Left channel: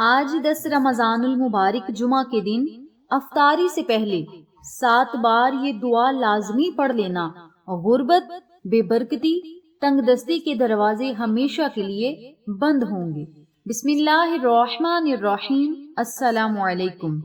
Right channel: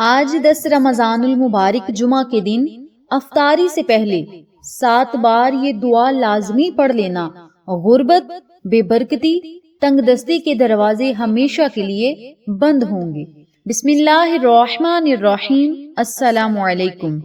آج 10 رمضان المبارک جمعہ کے دن افطاری سے پہلے 7 بار یہ دعا لازمی پڑھ لینا۔ غربت، بے برکتی، تنگ دستی کے دروازے ہمیشہ کے لیے بند ہوں گے۔ بسم اللہ الرحمن الرحیم۔ السلام علیکم۔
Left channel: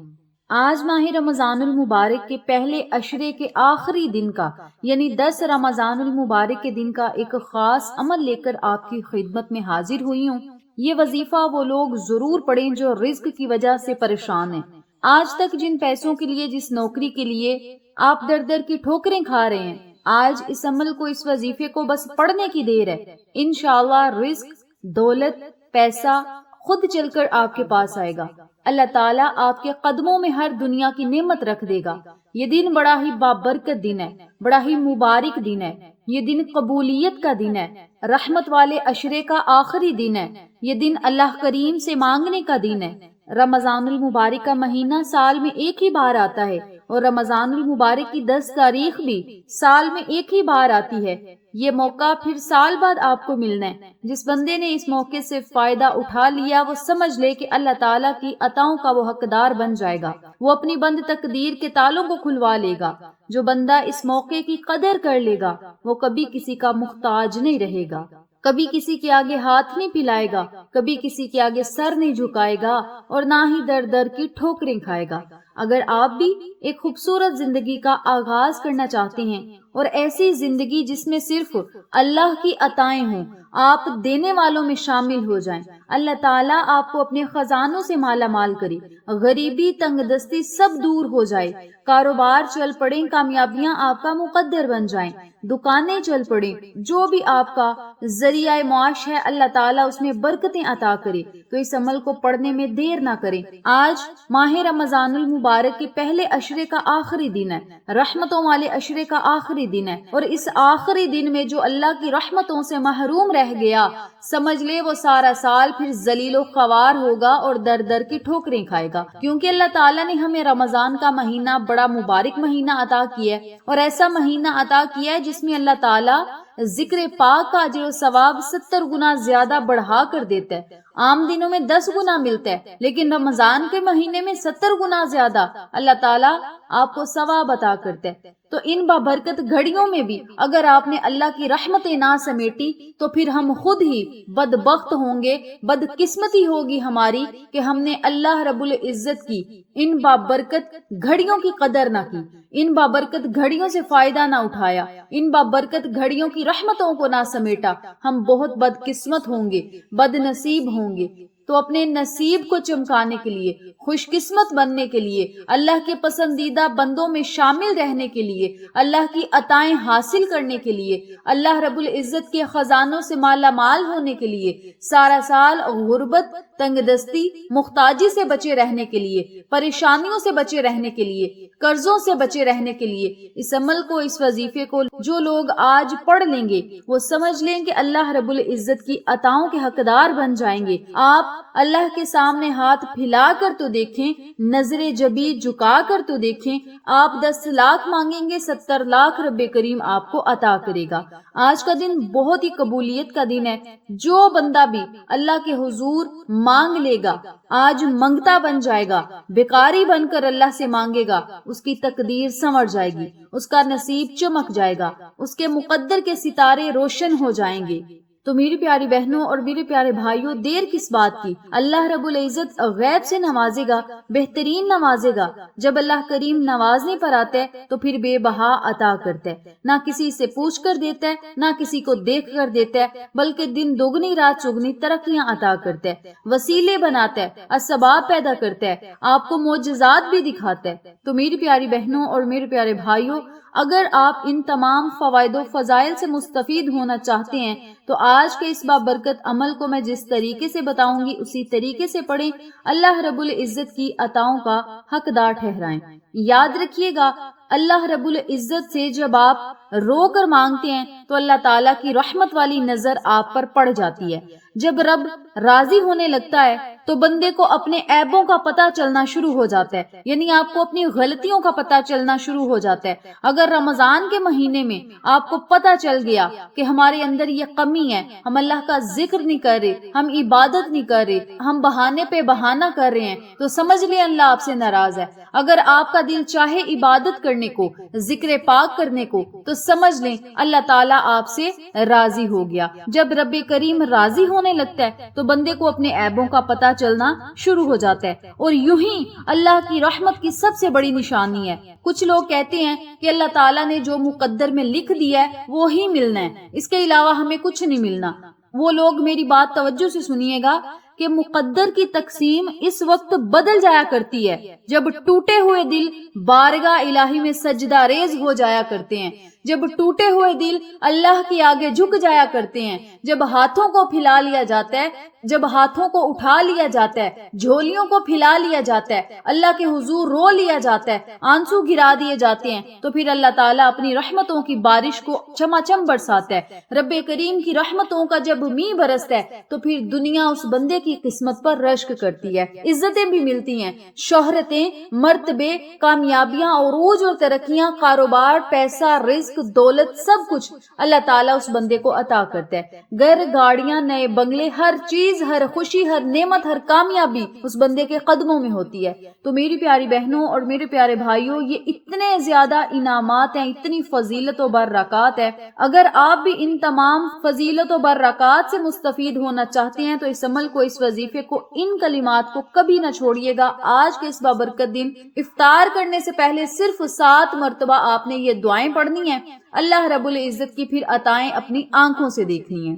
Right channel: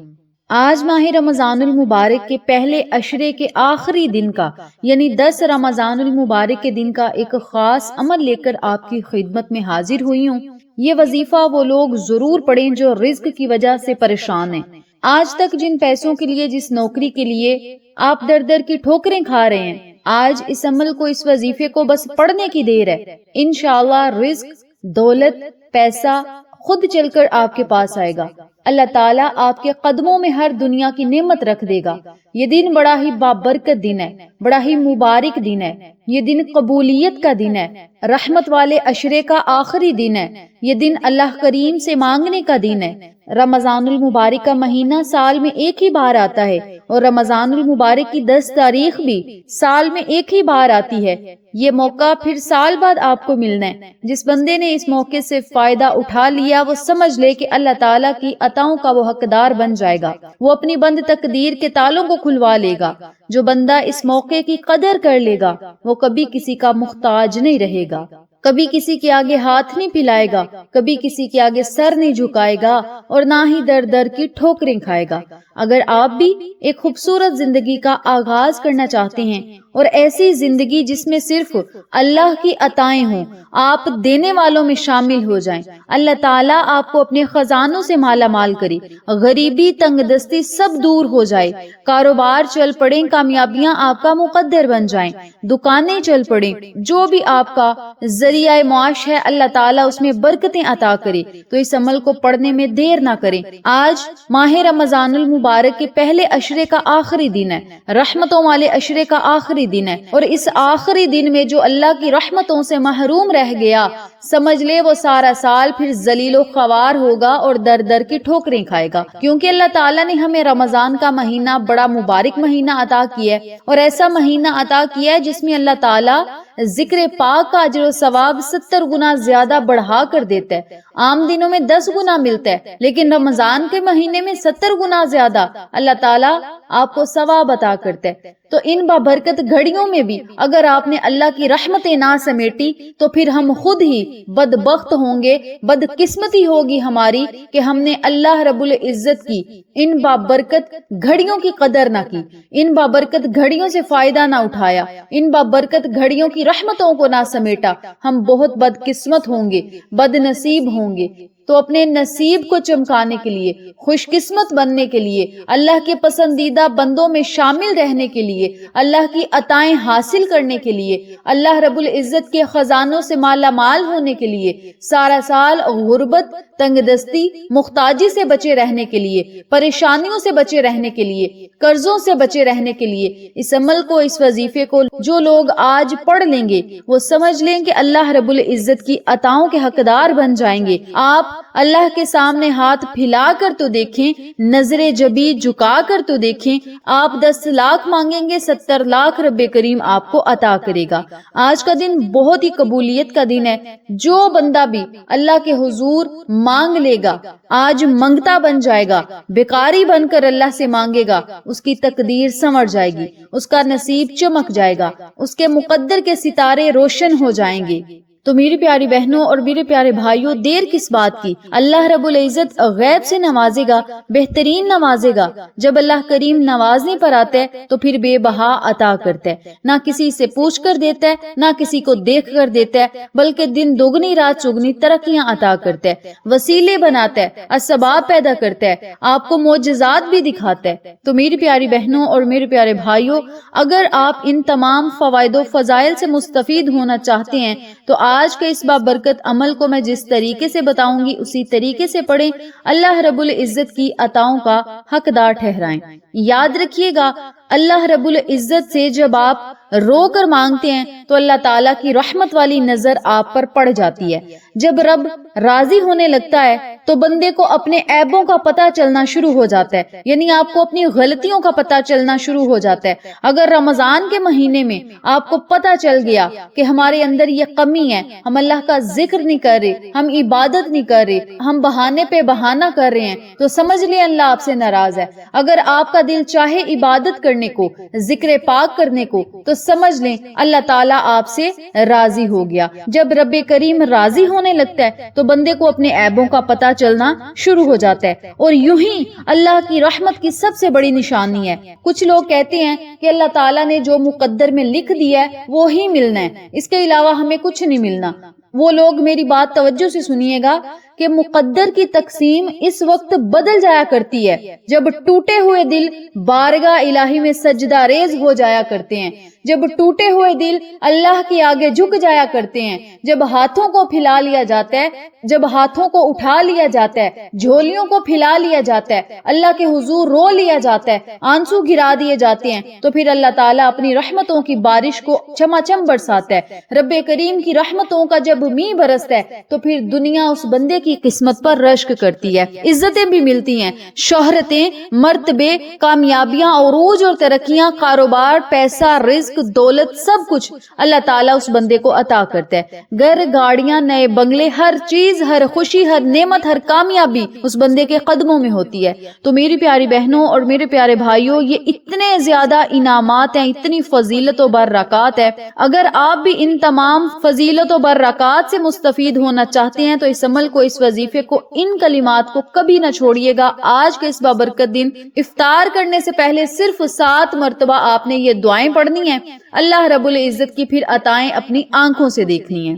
آج ماہ رمضان المبارک کے پہلے عشرے کے آخری دن کا یعنی 10 رمضان المبارک کے دن کا ایک خاص عمل لے کر آپ کی خدمت میں حاضر ہوئی ہوں۔ یہ وظیفہ وہ لوگ ضرور پڑھیں جو رزق کی وجہ سے پریشان ہیں۔ آج تک جن پیسوں کے لیے، جس نوکری کے لیے آپ در در کی ٹھوکریں کھا رہے ہیں، آج اس عمل کو، اس وظیفے کو بس پڑھنے کی دیر ہے۔ انشاءاللہ رزق، دولت، پیسہ خود چل کر آپ کے پاس آئے گا۔ اللہ تعالیٰ آپ کے قدموں میں ہر دنیا کی نعمت رکھ دے گا۔ یہ دن بڑا ہی بابرکت دن ہے، بڑا ہی مبارک دن ہے۔ یہ دن قبولیت کا دن ہے، رحمت والے عشرے کا آخری دن ہے۔ یہ دن اللہ کریم سے مانگنے کا دن ہے۔ رمضان المبارک کا مہینہ سال میں ایک ہی بار آتا ہے اور رمضان المبارک کی 10 تاریخ بھی سال میں ایک ہی بار آتی ہے۔ یہ موقع پھر سال بعد آپ کو ملنا ہے۔ جس بندے نے اس موقع سے فائدہ اٹھا لیا، وہ سمجھ لے کہ اللہ تعالیٰ کی عطاؤں کا وہ حقدار بن جائے گا۔ وہ اپنی بند تقدیر کے تالوں کو کھلوا لے گا۔ جو بندہ اس موقع کی قدر کر لے گا، وہ کبھی کسی کا محتاج نہیں رہے گا، کبھی کسی کے آگے ہاتھ نہیں پھیلائے گا، کبھی کسی کے آگے سر نہیں جھکائے گا اور نہ ہی در در کی ٹھوکریں کھائے گا۔ اگر آپ بھی ایک خوبصورت زندگی کا آغاز کرنا چاہتے ہیں اور ایسی زندگی جس میں صرف اللہ کی عطائیں ہوں، آپ دینے والوں میں شامل ہو جائیں، اللہ تعالیٰ آپ کو اپنے خزانوں سے مالا مال کرے، غریبی، تنگ دستی سب دور ہو جائے، کاروبار چل پڑیں، کامیابیاں آپ کا مقدر بن جائیں، دکانیں چل پڑیں، جو بھی آپ کا ذریعہ معاش ہے اللہ تعالیٰ اس میں برکتیں عطا کرے۔ تو اس عمل کو پڑھنے میں دیر نہ کریں۔ آج ماہ رمضان المبارک کے پہلے عشرے کا آخری دن ہے، رحمتوں والے عشرے کا آخری دن ہے، اور اس آخری دن میں جو اللہ کی رحمتوں سے محروم رہ گیا، سمجھ لے وہ سارا سال پھر ذلیل و خوار ہوگا اور در در کی ٹھوکریں کھائے گا۔ کیونکہ اللہ تعالیٰ نے ہمیں رمضان کا مہینہ بڑا مبارک مہینہ عطا کیا ہے، اور ایسا مہینہ عطا کیا ہے جس میں اللہ تعالیٰ ذکر پاک کا اجر و ثواب 70 گنا زیادہ بڑھا کر دیتا ہے۔ عام دنوں میں 10 گنا ملتا ہے، لیکن رمضان کے مہینے میں 70 گنا زیادہ اللہ تعالیٰ آپ کو ثواب عطا کرتا ہے۔ تو ان بابرکت گھڑیوں میں بھی اگر آپ نے اللہ کی رحمتیں نہ سمیٹی تو پھر ہم خود ہی بدبخت ہوں گے، بدقسمتی ہوگی ہماری کہ ہم نے اللہ رب العزت کی ان بابرکت گھڑیوں کی قدر نہ کی، ان بابرکت گھڑیوں سے فائدہ نہ اٹھایا، ان بابرکت گھڑیوں کی رحمتوں کو نہ سمیٹا۔ ہم بہت بدقسمت ہوں گے، بد نصیب ہوں گے۔ تو اپنے نصیب کو چمکانے کے لیے، خوش قسمت بننے کے لیے، اللہ کے پسندیدہ بندوں میں شامل رہنے کے لیے، اللہ کی عطائیں حاصل کرنے کے لیے، اللہ رب العزت کے خزانوں سے مالا مال ہونے کے لیے، سارا سال غربت، تنگ دستی، محتاجی سے بچے رہنے کے لیے، پریشانیوں سے بچے رہنے کے لیے، قرضوں سے بچے رہنے کے لیے، اس عمل کو، اس وظیفے کو جو لوگ آج پڑھ لیں گے وہ سمجھ لیں کہ اللہ رب العزت کی عطاؤں کے حقدار بن جائیں گے۔ آپ اللہ کے سامنے ہاتھ پھیلا کر تو دیکھیں، نظر جبی جھکا کر تو دیکھیں، آپ 10 لاکھ مانگیں گے، 70 لاکھ رب کریم آپ کو عطا کرے گا۔ آج کا دن بہت ہی قبولیت کا دن ہے۔ جو بندہ بھی اللہ کے حضور مانگ لے گا، آج منگتا بن جائے گا، بیکاری بن کر اللہ سے مانگے گا، اس کی تقدیر سنور جائے گی، اس کا نصیب چمک جائے گا، اس کے مقدر کے ستارے روشن ہو جائیں گے۔ تو میری پیاری بہنوں اور میرے پیارے بھائیوں، دیر کس بات کی؟ اللہ رب العزت غیب سے نوازے گا، بہترین نوازے گا۔ جب اللہ کریم نوازنے پر آتا ہے تو پھر بے بہا عطا کرتا ہے، نہ کسی سے پوچھ کر دیتا ہے، نہ کسی کو دیکھ کر دیتا ہے، بلکہ دن دگنی رات چگنی ترقیاں عطا کرتا ہے، وسیلے بناتا ہے، اسباب پیدا کرتا ہے، آپ کو معجزات بھی دکھاتا ہے۔ تو میری پیاری بہنوں اور میرے پیارے بھائیوں، اگر آپ ان تمام فوائد و فضائل سے مستفید ہونا چاہتے ہیں تو آج کے اس بابرکت عمل کو میں جس طریقے سے بتاؤں گی اسی طریقے سے پڑھیں، اللہ رب العزت کی عطاؤں کا حقدار ٹھہرائیں۔ یاد رکھیے گا، اللہ رب العزت سے جب آپ رو کر مانگتے ہیں تو اللہ تعالیٰ کی رحمت والی نظر آپ پر پڑ جاتی ہے۔ جب رب راضی ہونے لگتا ہے تو بندے کو اپنے عیبوں کا پتہ چلنا شروع ہو جاتا ہے، یعنی آپ کو اپنی غلطیوں کا پتہ چلنا شروع ہو جاتا ہے۔ اگر رمضان کے مہینے میں آپ کو پتہ چل گیا کہ ہمارے اندر یہ کمی ہے، ہم اللہ کا ذکر نہیں کر رہے، ہم عبادت نہیں کر رہے، ہم بہانے پہ بہانہ کر رہے ہیں، تو سمجھ لیں اللہ آپ سے ناراض ہے۔ اگر آپ کا دل چاہے عبادت کرنے کو، ذکر پاک کرنے کو، تو سمجھ لیں اللہ تعالیٰ آپ سے راضی ہو گیا۔ جب رب کریم راضی ہونے لگتا ہے تو بندے کو اپنے عیبوں کا پتہ چلنا شروع ہو جاتا ہے، اور یوں ہی اللہ کی رحمت کی سب سے بڑی نشانی ہے۔ کچھ لوگ کہتے ہیں کہ اللہ تعالیٰ نے جو مقدر میں لکھ دیا ہے وہی ملنا ہے، اس کے علاوہ ہمیں کچھ نہیں ملنا۔ وہ لوگ میری بات توجہ سے سنیے گا کہ مقدر کی تقسیم اس وقت بدل جایا کرتی ہے جب ٹوٹے ہوئے دل بارگاہ الہی میں سجدہ ریز ہو جایا کرتے ہیں، جب ٹوٹے ہوئے دل اللہ کے آگے جھک جایا کرتے ہیں، جب ہاتھوں کو پھیلا لیا جاتا ہے، جب ہاتھوں کو اٹھا لیا جاتا ہے، جھولیوں کو پھیلا لیا جاتا ہے، اللہ کے حضور رو لیا جاتا ہے، آنسو گرا دیے جاتے ہیں، تو پھر اللہ تعالیٰ اپنی رحمتوں کی بارش کو چماچم برساتا ہے۔ رب کریم کی رحمتوں کا جب میਂہ برستا ہے تو پھر دنیا اس بندے کی قسمت پر رشک کرتی ہے، عزتیں بھی ملتی ہیں، شہرتیں، مرتبے، کامیابیاں، عروج اور ترقیاں، کاروبار، پیسہ، رزق، دولت، سب کچھ اللہ تعالیٰ اس بندے کو عطا کرتا ہے۔ گھر، گاڑیاں، نئے بنگلے، ہر چیز، ہر خوشی، ہر نعمت، ہر کامیابی اس بندے کے قدموں میں ہوتی ہے۔ تو میری پیاری بہنوں اور میرے پیارے بھائیوں، یہ اتنے زیادہ انعامات ہیں، اتنی فضیلت و برکات ہے۔ اگر آپ بھی ان تمام فضیلت و برکات سے مستفید ہونا چاہتے ہیں تو اس عمل کو، اس وظیفے کو، ان کلمات کو کبھی نہ چھوڑیے گا۔ آج کے اس بابرکت دن افطار کرنے سے پہلے صرف 7 مرتبہ آپ نے یہ دعائیں پڑھنی ہیں، اللہ رب العزت کی پھر عطائیں اپنی آنکھوں سے دیکھنی ہیں۔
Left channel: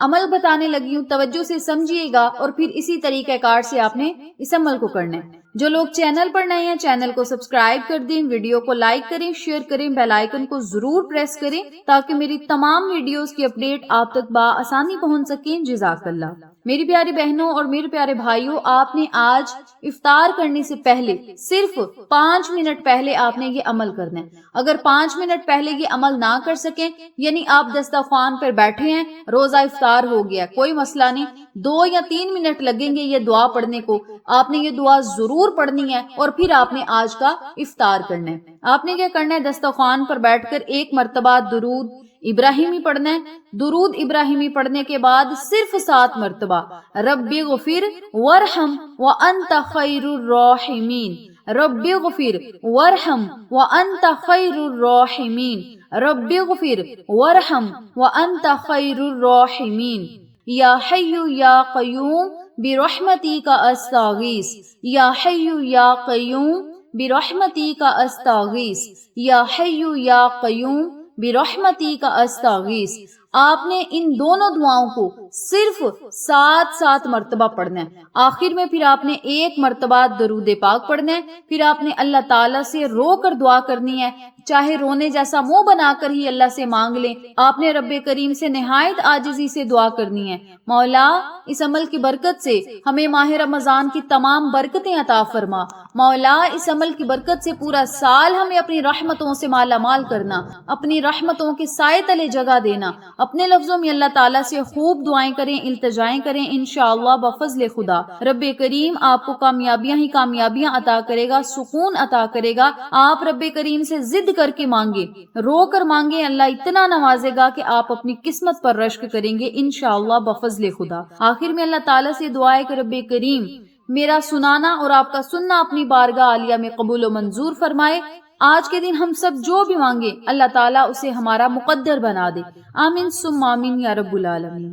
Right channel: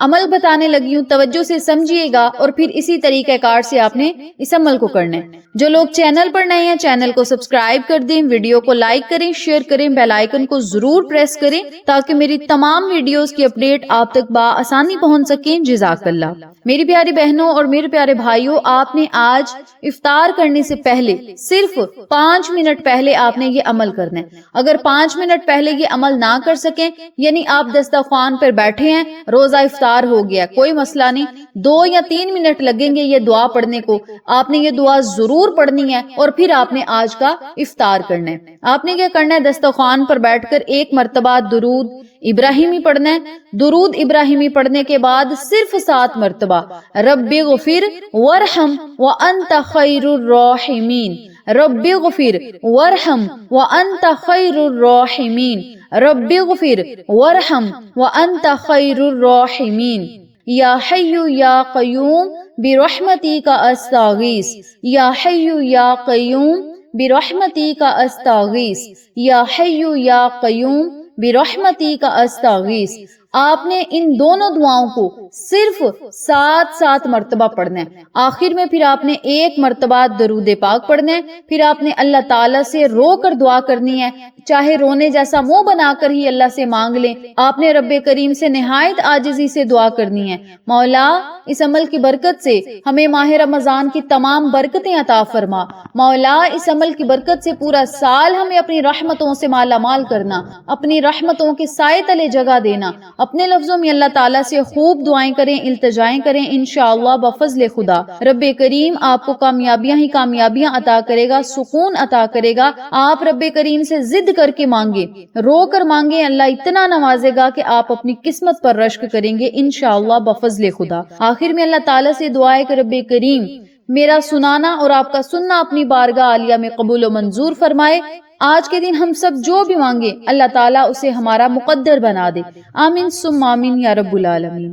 عمل بتانے لگی ہوں، توجہ سے سمجھیے گا اور پھر اسی طریقہ کار سے آپ نے اس عمل کو کرنا ہے۔ جو لوگ چینل پر نئے ہیں چینل کو سبسکرائب کر دیں، ویڈیو کو لائک کریں، شیئر کریں، بیل آئیکن کو ضرور پریس کریں تاکہ میری تمام ویڈیوز کی اپڈیٹ آپ تک بآسانی پہنچ سکیں۔ جزاک اللہ۔ میری پیاری بہنوں اور میرے پیارے بھائیوں، آپ نے آج افطار کرنے سے پہلے صرف 5 منٹ پہلے آپ نے یہ عمل کرنا ہے۔ اگر 5 منٹ پہلے یہ عمل نہ کر سکیں، یعنی آپ دسترخوان پر بیٹھے ہیں، روزہ افطار ہو گیا، کوئی مسئلہ نہیں، 2 یا 3 منٹ لگیں گے یہ دعا پڑھنے کو، آپ نے یہ دعا ضرور پڑھنی ہے اور پھر آپ نے آج کا افطار کرنا ہے۔ آپ نے کیا کرنا ہے، دسترخوان پر بیٹھ کر 1 مرتبہ درود ابراہیمی پڑھنا ہے۔ درود ابراہیمی پڑھنے کے بعد صرف 7 مرتبہ رب اغفر وارحم وانت خیر الراحمین، رب اغفر وارحم وانت خیر الراحمین، رب اغفر وارحم وانت خیر الراحمین، یا حی یا قیوم برحمتک استغیث، یا حی یا قیوم برحمتک استغیث، یا حی یا قیوم برحمتک استغیث۔ آپ نے ان دونوں دعاؤں کو صرف 7 مرتبہ پڑھنا ہے۔ آخر میں پھر آپ نے 1 مرتبہ درود پاک پڑھنا ہے، پھر آپ نے اللہ تعالیٰ سے رو کر دعا کرنی ہے، چاہے رونے جیسا منہ بنا کر ہی اللہ سے مانگ لیں۔ آپ نے رب کریم سے نہایت عاجزی سے دعا کرنی ہے، مولا اس عمل کی برکت سے ہمیں ماہ رمضان کی تمام برکتیں عطا فرما، مولا اس عمل کی برکت سے پورا سال ہمیں اپنی رحمتوں سے مالا مال کرنا، اپنی رحمتوں کے سائے تلے جگہ دینا۔ اپنے لفظوں میں اللہ تعالیٰ سے خوب دعائیں کریں، التجائیں کریں، انشاءاللہ بفضل خدا رب کریم آپ کو کامیابیاں ہی کامیابیاں عطا کرے گا، سکون عطا کرے گا۔ آپ رب کریم سے ضد کر کے مانگے، رو کر مانگے، اللہ اتنا نوازے گا کہ آپ اپنی قسمت پر رشک کریں گے انشاءاللہ بفضل خدا۔ آخر میں اللہ تعالیٰ سے دعا ہے کہ رب کریم میرا سنانا اور آپ کا سننا اپنی بارگاہ عالیہ میں قبول و منظور فرمائے۔ آج کے دن ہم سب جو بھی مانگے اللہ تعالیٰ اسے ہمارا مقدر بنا دے، آمین ثم آمین یا رب العالمین۔